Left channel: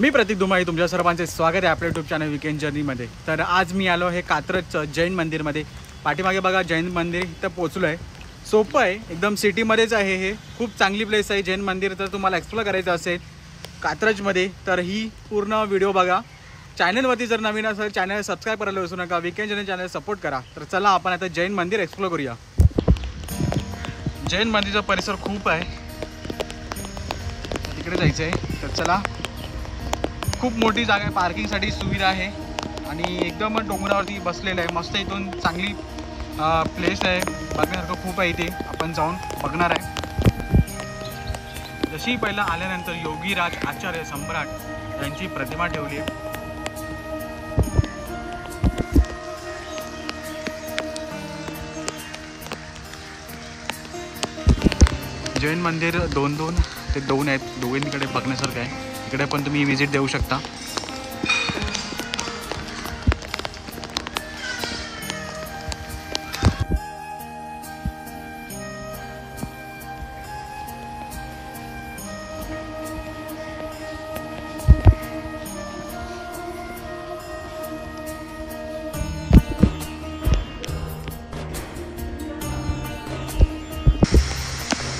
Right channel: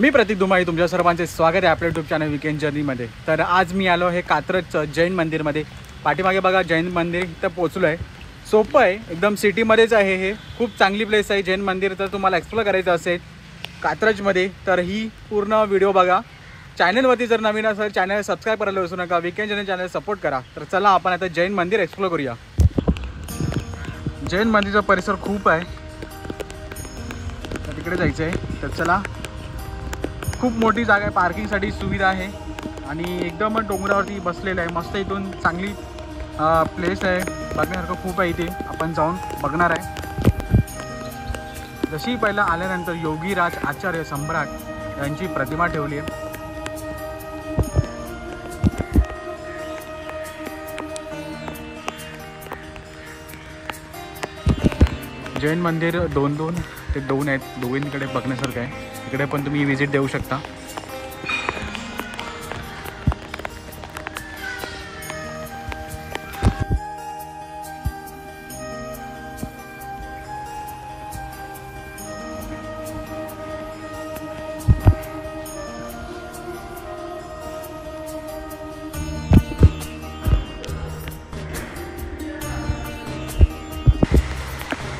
मी प्रतीक दुमाई तुमच्या सर्वांचे स्वागत आहे आपल्या यूट्यूब चॅनल वीकेंड जर्नीमध्ये। तर आज मी आलो हे कात्रजचं जैन मंदिरमध्ये। पाठीमागे बघा जैन मंदिर इथं पोहोचलो आहे। सोपं आहे, एकदम सिटीमध्येच आहे। हे खूप चांगली प्लेस आहे जैन मंदिर। तर तुम्हाला एक्सप्लोर करायचं असेल कात्रजमध्ये तर ही पूर्ण व्हिडिओ बघा। चॅनलवरती जर नवीन असेल चॅनल सबस्क्राईब करायला विसरू नका। वीकेंड जर्नी चॅनल सपोर्ट करा। तर चला आपण आता जैन मंदिर एक्सप्लोर करूया। जैन मंदिरचा परिसर खूप आहे, तिकडे जायचं आहे। तर चला, खूप मोठी जागा आहे, पार्किंगसाठी सुविधा आहे आणि एकदम डोंगरावरती बसलेलं आहे। मस्त इथून चांगली प्लेस आहे, बघण्यासारखं खूप आहे। इथे आपण जाऊन बघणार आहे। जशी पहिला आल्यानंतर योगीराज आचार्य सम्राट यांची प्रतिमा ठेवली आहे। जैन मंदिर दोन आहेत, दोन्हीकडे बघण्यासारखं आहे। इकडे पण तुम्ही विजिट देऊ शकता।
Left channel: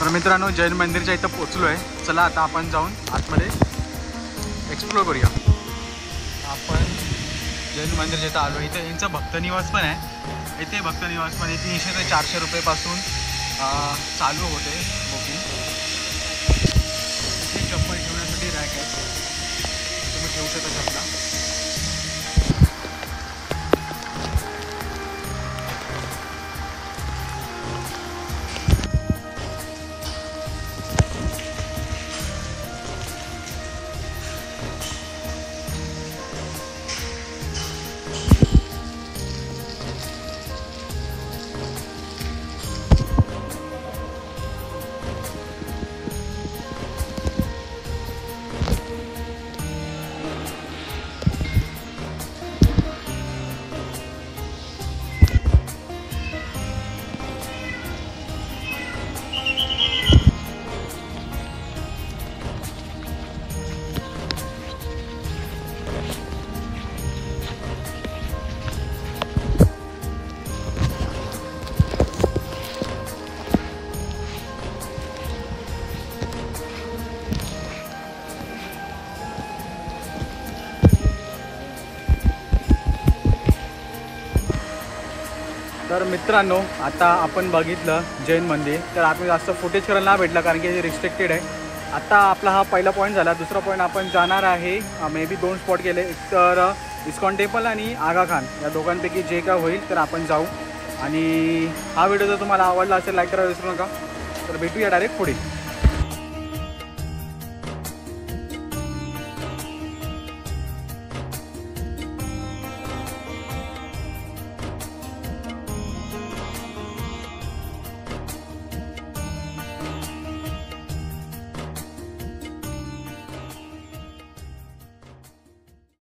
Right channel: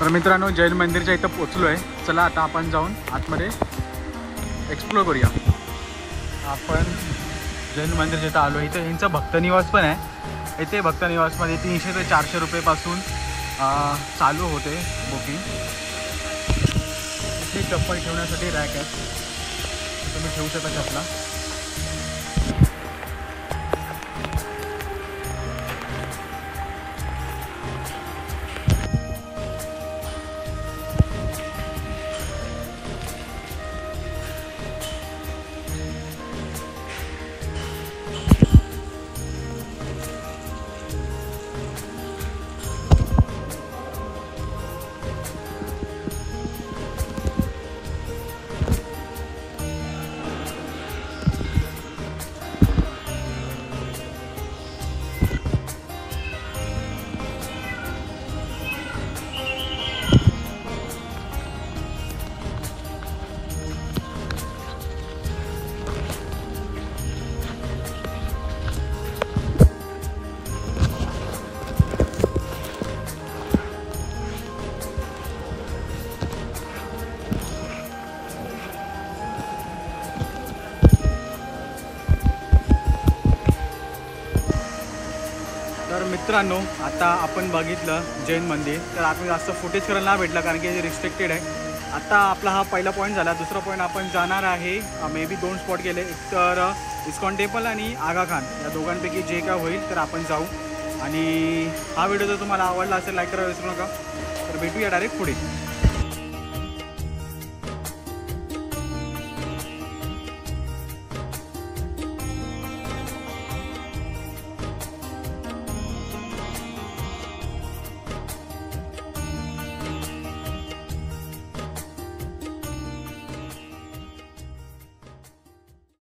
तर मित्रांनो, जैन मंदिरच्या इथं पोचलो आहे। चला आता आपण जाऊन आतमध्ये एक्सप्लोर करूया। आपण जैन मंदिरच्या इथं आलो। इथं यांचं भक्तनिवास पण आहे। इथे भक्तनिवासमध्ये 300 ते 400 रुपयेपासून चालू होते बुकिंग। इथे चप्पल ठेवण्यासाठी रॅक आहे, तुम्ही ठेवू शकता चपला। तर मित्रांनो, आता आपण बघितलं जैन मंदिर। तर आतमध्ये जास्त फुटेज करायला नाही भेटला कारण की हे रिस्ट्रिक्टेड आहे। आता आपला हा पहिला पॉईंट झाला। दुसरा पॉईंट आपण जाणार आहे, मे बी 2 स्पॉट गेले, एक तर इस्कॉन टेम्पल आणि आगा खान। या दोघांपैकी जे काय होईल तर आपण जाऊ। आणि हा व्हिडिओ जर तुम्हाला आवडला असेल लाईक करायला विसरू नका। तर भेटूया डायरेक्ट पुढे।